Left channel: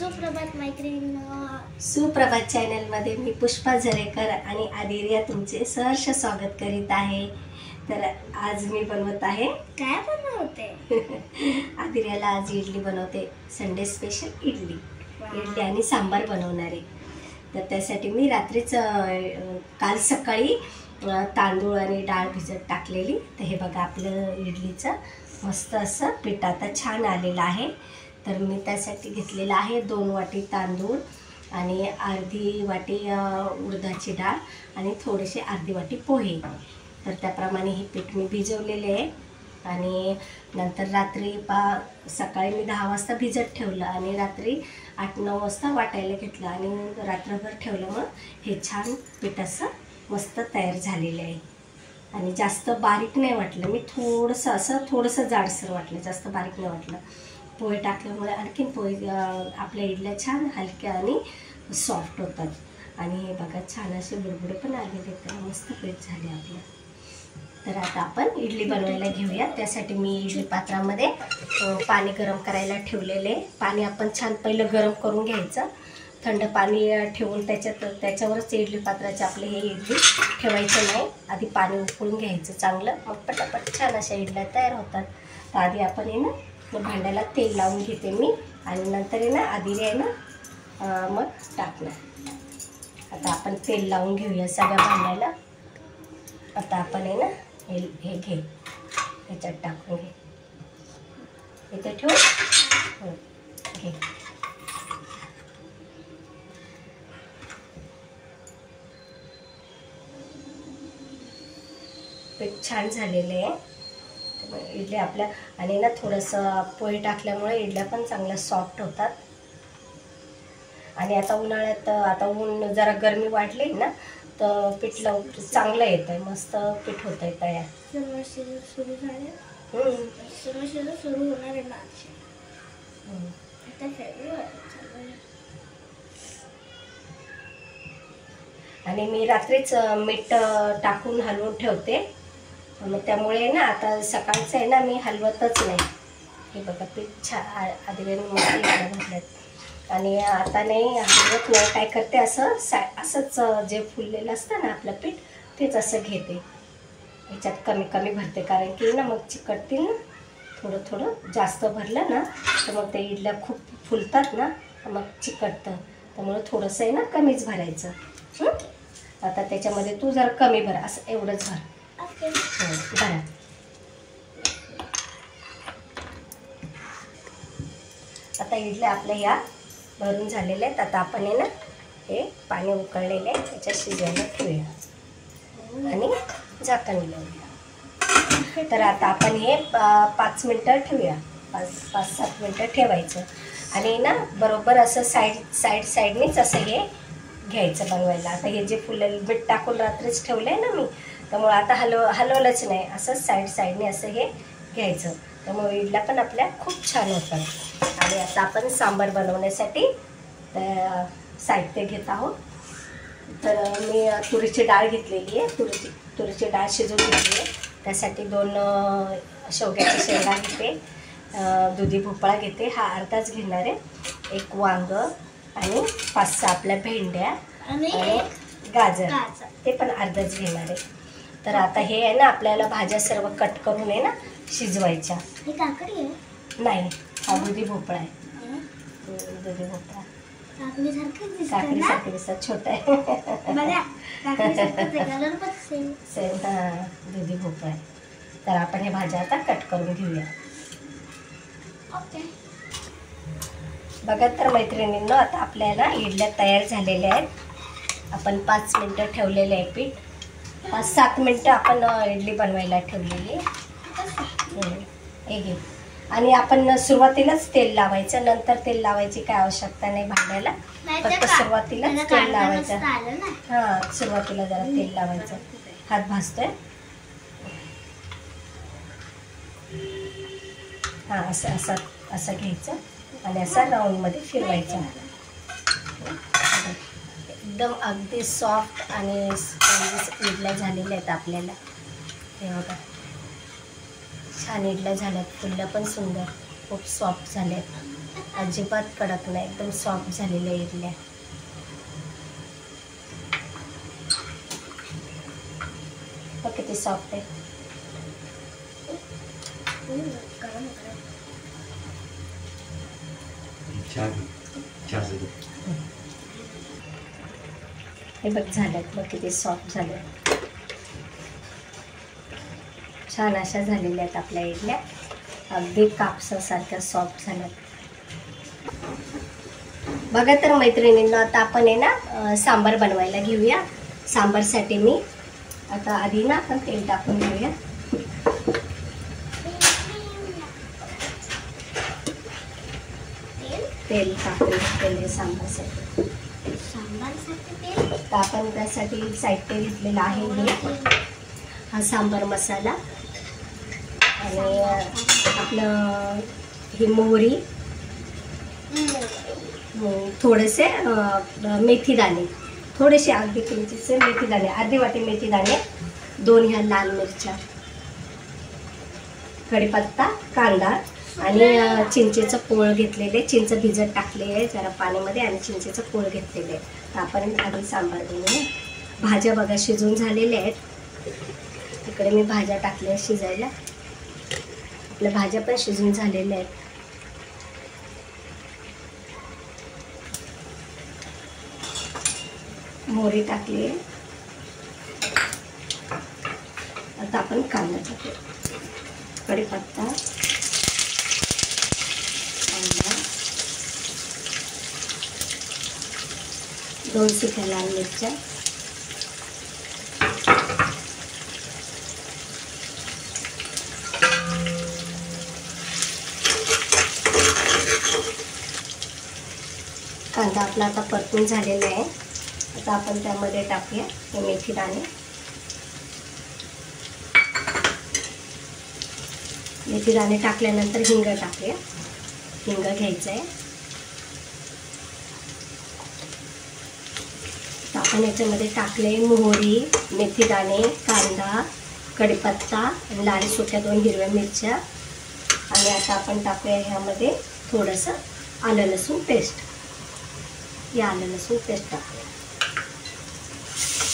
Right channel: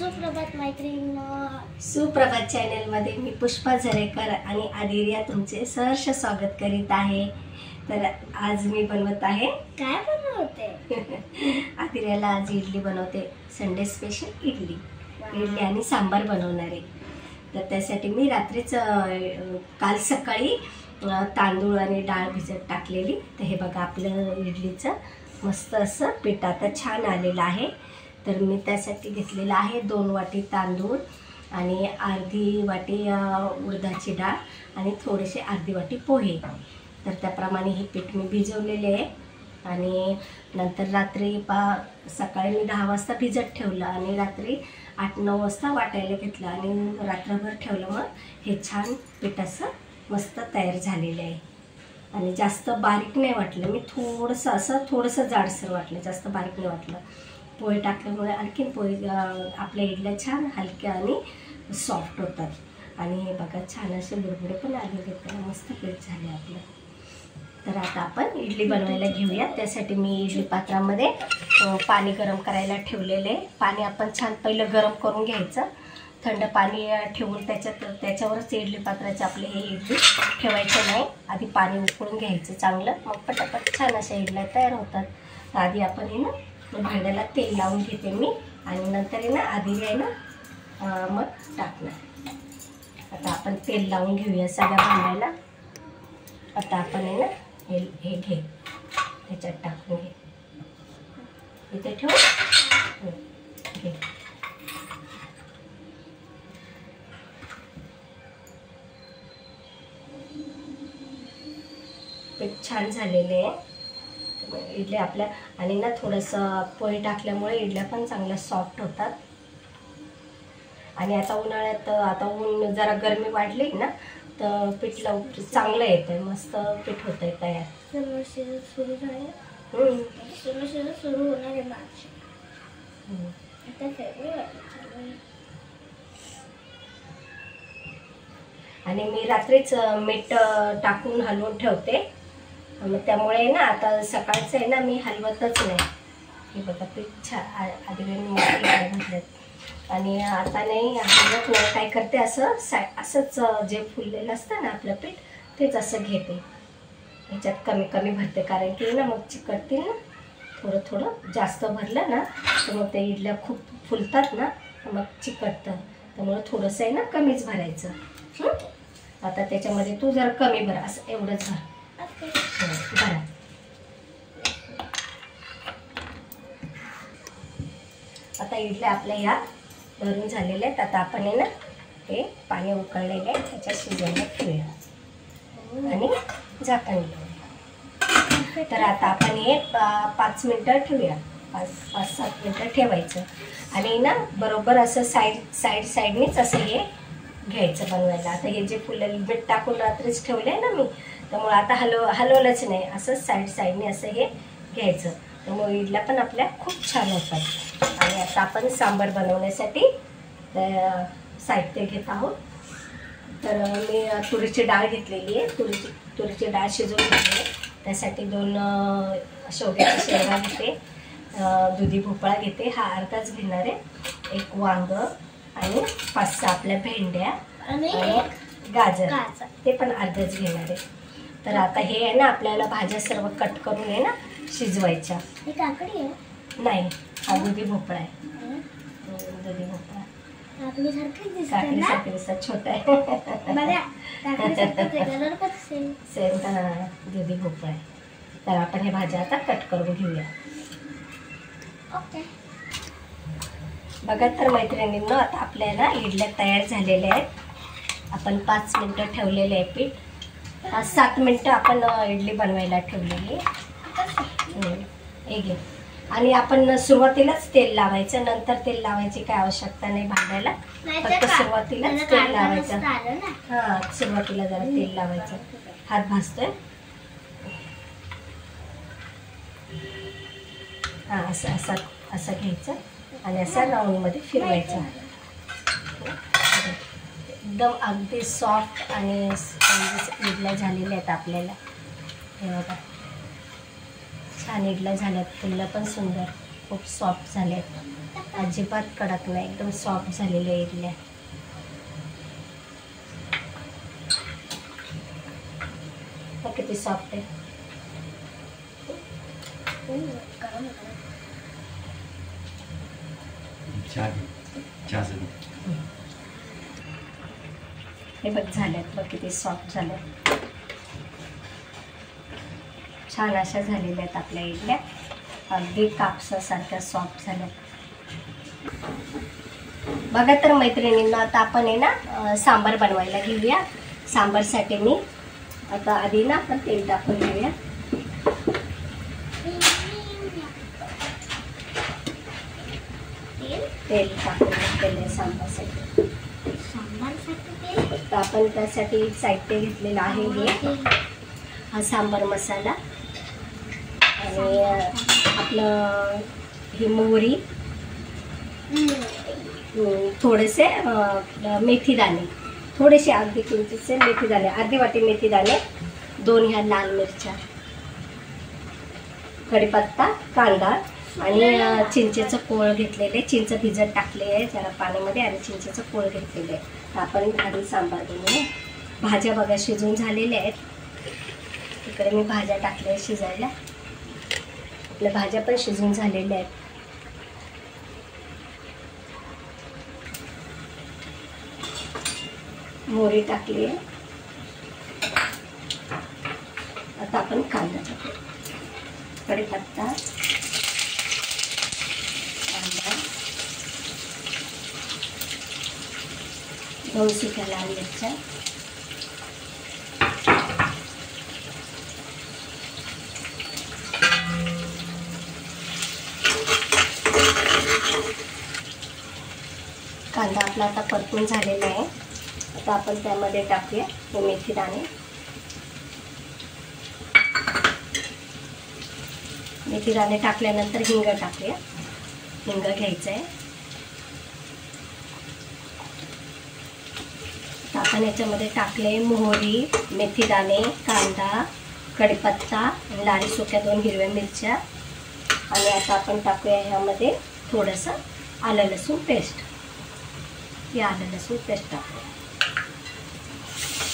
सुप्रभात मैत्रिणींनो, सुप्रभात चॅनलमध्ये मी पुष्पा झरेकर आणि आदिर्या तुमचे सहर्ष स्वागत करीत आहे। तर आज मी बनवत आहे काय बनवते? आदिर्याला आज इडली बनवते, संडे स्पेशल इडली आणि सांबार बनवणार आहे। तर त्यासाठी मी रात्रीच काल सकाळी तांदूळ आणि डाळ भिजत टाकलेली। तर हे बघा आपलं इडलीचं मस्त असं पीठ आता छान आलेलं आहे। तर मी त्यासाठी घेतलेला आहे 2 वाटी तांदूळ आणि अर्धी वाटी उडदाची डाळ आणि थोडेसे अर्धी वाटी पोहे। तर त्याप्रमाणे हे पीठ मी भिजवलेले आहे आणि नंतर रात्री सकाळी मी 10 वाजता भिजत ठेवलं आणि रात्री 8-9 वाजता वाटायला घेतलं आणि रात्रभर ठेवल्यामुळे हे छान पीठ असं मस्त तयार झालेलं आहे। आणि जास्त बारीक नाही वाटलं, मी थोडंसं जाडसर वाटलं, जास्त बारीक नाही वाटलं। पोहे टाकल्यामुळे आणखीन पोहे आपल्या इडल्या छान हलक्या आणि सॉफ्ट होतात। आणि हे बघा छान असे बुडबुडे पण आलेले, त्याला मस्त पीठ झाले आपलं। तर आता आपण इडली बनवायला घेऊया। त्यासाठी मी इडली पात्रामध्ये पाणी गरम करायला ठेवलेले। पाणी आपण छान पहिलं गरम करून घ्यायचं, थंड पाणी ठेवून त्याच्यावरच इडली पात्राचे आपले हे इडली ठेवायचं नाही, आधी पाणी उकळून घ्यायचं चांगलं, मग पटापट छान अशा इडल्या तयार होतात। तर आधी आपण आहे ना भांड्याला तेल लावून घेते मी आणि नंतर आहे ना आधी आहे ना मग टाकणार। आता आपण तेल लावून घेऊया सगळ्या भांड्याला। आता आपण आहे ना हे घे, ह्याच्यात टाकून घे, इथे ठेव, घे। पीठ छान झालेले आहे इडल्या आपल्या, आणि ना थोडंसं पोहे टाकल्यामुळे इडल्या पण चांगल्या सॉफ्ट होतात। आणि आता उन्हाळ्यात आता ऊन जरा गरमी वाढली ना तर पीठ चांगलं येतंय, मस्त पीठ होतंय तयार। समर सीझन सुरू झाले, समर सीझन सुरू होणार आहे मार्च, आता फेब्रुवारी चालू आहे। आणि मी रात्रीच मीठ टाकून हलवून ठेवते, मग त्यामुळे ना आता सकाळचं आहे ना मी हलवतच नाही। हे बघा पीठ छान आधी मस्त घातल्यात आणि आता नाही हलवत नाही, काय करते असंच जे फुललेलं असतं ना आपलं पीठ तेच असं घेते, ह्याच्यात कमी कमी भरते, कारण की ना मग चिकटतील ना, थोडं जास्त भरलं ना तर मग ते इडल्या खूप फुलतात ना मग चिकटतं, त्यामुळे थोडंसं आहे ना कमीच भरायचं। आता त्याच्यामध्ये तू जरा कमी भर, असं एवढंच भर। भरा। आता इडल्या आपल्या या भरून झालेल्या आहेत। आता आपण आहे ना हे पाणी उकळलेले आहे त्याच्यात शिजायला ठेवूया आणि झाकण लावूया। तर आता आपण हे 5 मिनटं ठेवूया, 5-7 मिनटं ठेवायचं। आणि ना बरोबर असं साईडनीच असं हे घ्यायचं बनवायला। आता हे जे फुलं मीठ टाकून रात्रीच ठेवलं आहे ना मी, त्यामुळे आता हलवलंच नाही, असं साईडने असं हे घ्यायचं, त्यामुळे इडल्या पण आपल्या खूप छान होतात। आणि आता आपण सांबार बनवण्यासाठी साहित्य घेत आहोत। तर मी तुरीची डाळ घेतलेली आहे, तुरीची डाळ शिजवून घेतली आहे। त्यासाठी 2 शेवग्याच्या शेंगा घेते, दुधी भोपळा घेते, हा अर्धाच घेणार आहे, 1 वांग आणि 5-6 आपल्या भेंड्या आणि गाजर ते पण अर्धाच घेणार आहे। तर आता हे आहे ना आपल्याला भाज्या सर्व कट करून आहे ना शिजवायच्या। हे काकडी आहे? नाही, हा दुधी भोपळा आहे। दुधी भोपळा काकडीसारखं दिसतात, छोटा आहे सेम दुधी भोपळा आहे। तर आपण हे भाज्या आता कट करून घेऊया। ओके, बघा तर मैत्रिणींनो, आता आपल्याला इडल्या तयार झालेल्या आहेत। आपण 5 मिनटं ठेवलेले आहे पीठ, 5-7 मिनटं आपण इडली बनवायला ठेवलेली आहे। आणि आपण सुरुवातीलाच तेल लावायचं, नंतर तेल लावायची काय आवश्यकता नाही भांड्याला, फक्त सुरुवातीलाच तेल लावायचं। हां, सुरुवातीला जरा तेल लावायचं, हात भाजतोय। हां, असं घ्यायचं आणि असं राऊंडमध्ये फिरवायचं। एकदम अगदी सॉफ्ट आणि इडल्या झालेल्या आहेत आपल्याला। हे बघा छान इडल्या झाल्यात, फुलल्या पण सुंदर, खूप सॉफ्ट झाल्यात। अजिबात कडक नाही, एकदम सॉफ्ट झालेल्या इडल्या. किती सॉफ्ट आहे. हे बघ झाल्यात, बघ किती सॉफ्ट झाल्यात. छान अशा झालेल्या आहेत आपल्या इडल्या. अगदी कापसासारख्या सॉफ्ट झाल्यात. बघा तर मैत्रिणींना, आता आपण आहे ना सांबार बनवायला घेऊया. सांबारसाठी मी आता आधी ना आपण तेल टाकून घेऊया. तेल टाकून घेतलेलं आहे सांबारसाठी. तर आपण त्यासाठी साहित्य घेतलेलं आहे हे हा सांबार मसाला आणि आपलं ही मोहरी, थोडेसे मेथी दाणे, थोडेसे अगदी किंचितसे मेथी दाणे, अर्धी वाटी मेथी दाणे, 2 ह्या लाल मिरच्या, कढीपत्ता, कांदा आणि चिंचेचं कोळ घेतलेले. चिंच भिजत टाकले आहे जरा पाण्यामध्ये आणि चिंचेचं कोळ घेतलेलं आहे. तर आपण आधी सांबार बनवूया. भाज्या बघा शिजून झालेल्या आहेत. इकडे मी भाज्या टाकल्या शिजायला. आपल्या भाज्या पण शिजून झालेल्या आहेत. मोहरी टाकली आहे. आता आपण कांदा टाकू, कढीपत्ता, कांदा, 2 सुक्या लाल मिरच्या, कांदा आपला आता परतून झालेला आहे. आता आपण त्यामध्ये टाकूया हे मेथी दाणे. मेथी दाणे टाकल्यानंतर हिंग टाकूया. हिंग घ्यायचं आहे. तर आपण याच्यामध्ये टाकले मोहरी, मेथी दाणे, कांदा, कढीपत्ता, लाल सुक्या 2 हिरव्या मिरच्या आणि आता आपण टाकूया ह्यामध्ये थोडंसं आलं लसूण पेस्ट. या आलं लसूण पेस्ट टाकूया.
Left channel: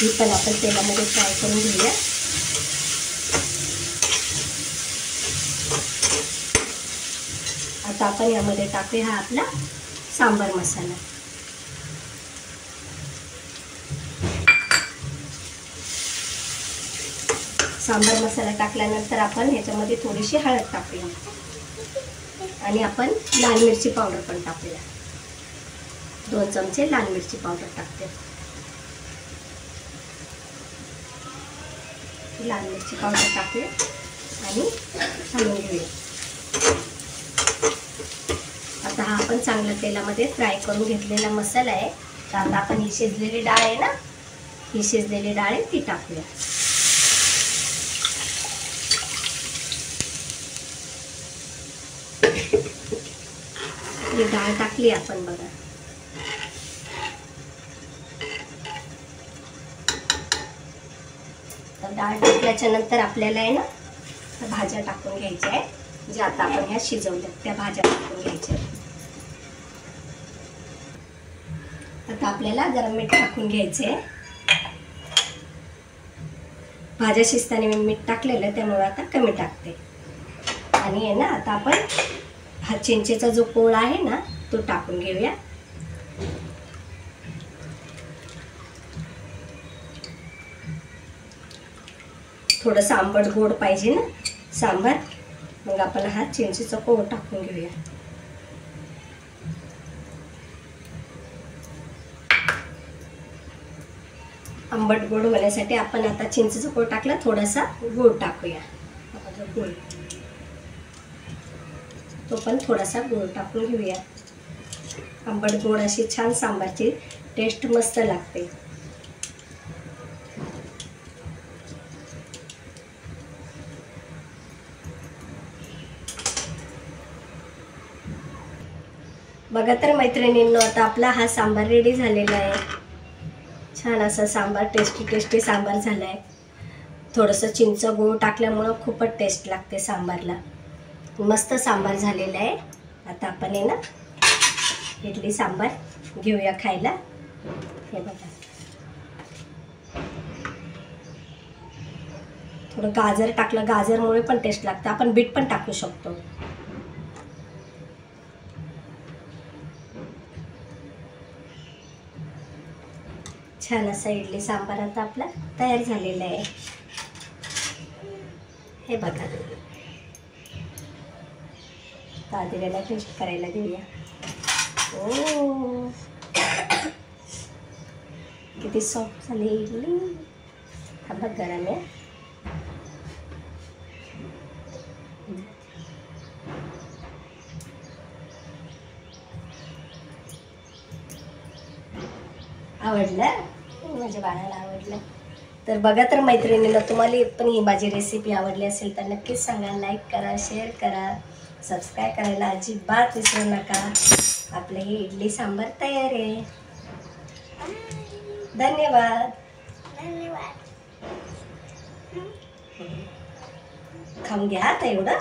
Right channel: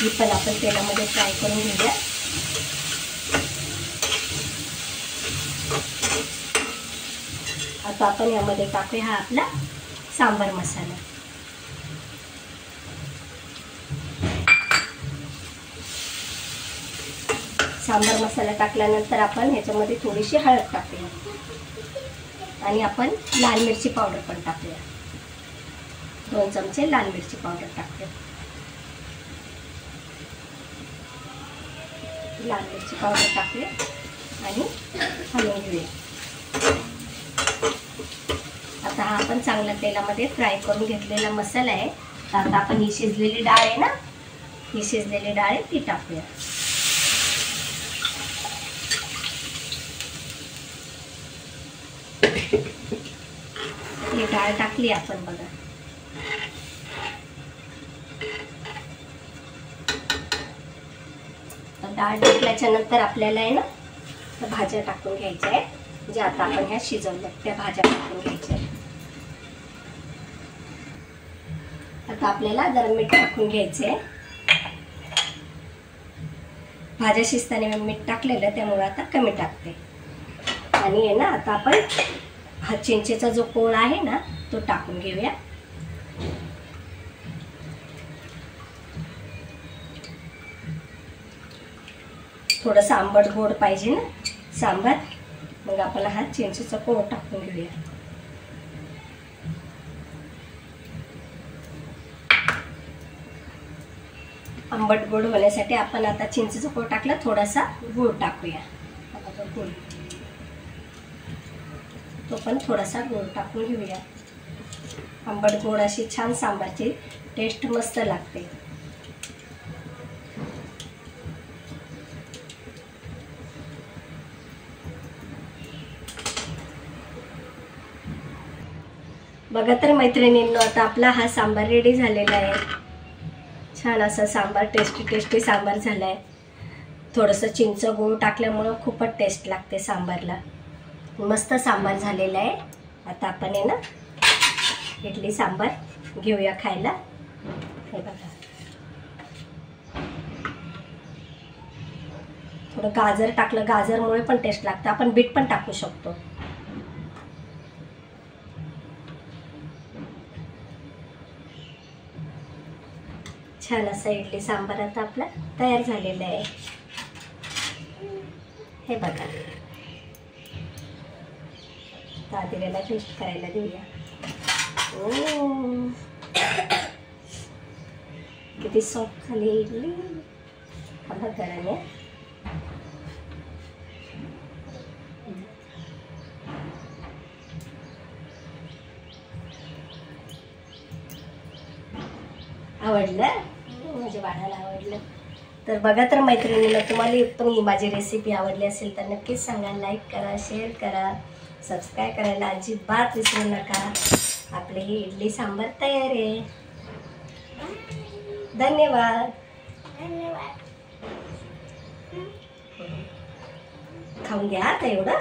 ही पण आपण तेलामध्ये फ्राय करून घेऊया. आता आपण यामध्ये टाकूया हा आपला सांबार मसाला. सांबार मसाला टाकल्यानंतर आपण ह्याच्यामध्ये थोडीशी हळद टाकूया आणि आपण लाल मिरची पावडर पण टाकूया. 2 चमचे लाल मिरची पावडर टाकते. लाल मिरची पावडर टाकूया आणि हलवून घेऊया. आता हा आपण चांगला तेलामध्ये फ्राय करून घेतलेला मसाला आहे. तर आता आपण ही शिजलेली डाळ आहे ना, ही शिजलेली डाळ आहे ती टाकूया. ही डाळ टाकली आपण बघा. डाळ टाकल्याच्या नंतर आपल्याला आहे ना भाज्या टाकून घ्यायच्या आहे. ज्या आता आपण ह्या शिजवल्यात त्या भाज्या टाकून घ्यायच्या आहेत. आता आपल्याला जरा मीठ टाकून घ्यायचे आहे. भाज्या शिजताना मी मीठ टाकलेलं त्यामुळे आता कमी टाकते. आणि आहे ना आता आपण हा चिंचेचा जो कोळ आहे ना तो टाकून घेऊया. थोडंसं आंबट गोड पाहिजे ना सांबार, मग आपण हा चिंचेचा कोळ टाकून घेऊया. आंबट गोड होण्यासाठी आपण आता चिंचेचा कोळ टाकला, थोडासा गूळ टाकूया. गूळ तो पण थोडासा गूळ टाकून घेऊया. आंबट गोड अशी छान सांबारची टेस्ट मस्त लागते. बघा तर मैत्रिणींनो, आता आपला हा सांबार रेडी झालेला आहे. छान असा सांबार, टेस्टी टेस्टी सांबार झाला आहे. थोडंसं चिंच गूळ टाकल्यामुळं खूपच टेस्ट लागते सांबारला. मस्त सांबार झालेला आहे. आता आपण आहे ना इडली सांबार घेऊया खायला. हे बघा, थोडं गाजर टाकलं, गाजरमुळे पण टेस्ट लागतं. आपण बीट पण टाकू शकतो. छान असा इडली सांबार आता आपला तयार झालेला आहे. हे बघा, आदिराला टेस्ट करायला देऊया. ओ, किती सॉफ्ट झाली इडली. हा बघ गरम आहे. आवडलं? माझ्या बाळाला आवडलं. तर बघा, तर मैत्रिणीला तुम्हाला पण ही माझी रेसिपी आवडली असेल तर नक्कीच सांगा. लाईक करा, शेअर करा, सबस्क्राईब करायला अजिबात विसरू नका. आपली ही इडली सांबार तयार आहे. धन्यवाद. धन्यवाद. खाऊन घ्या आता एवढं.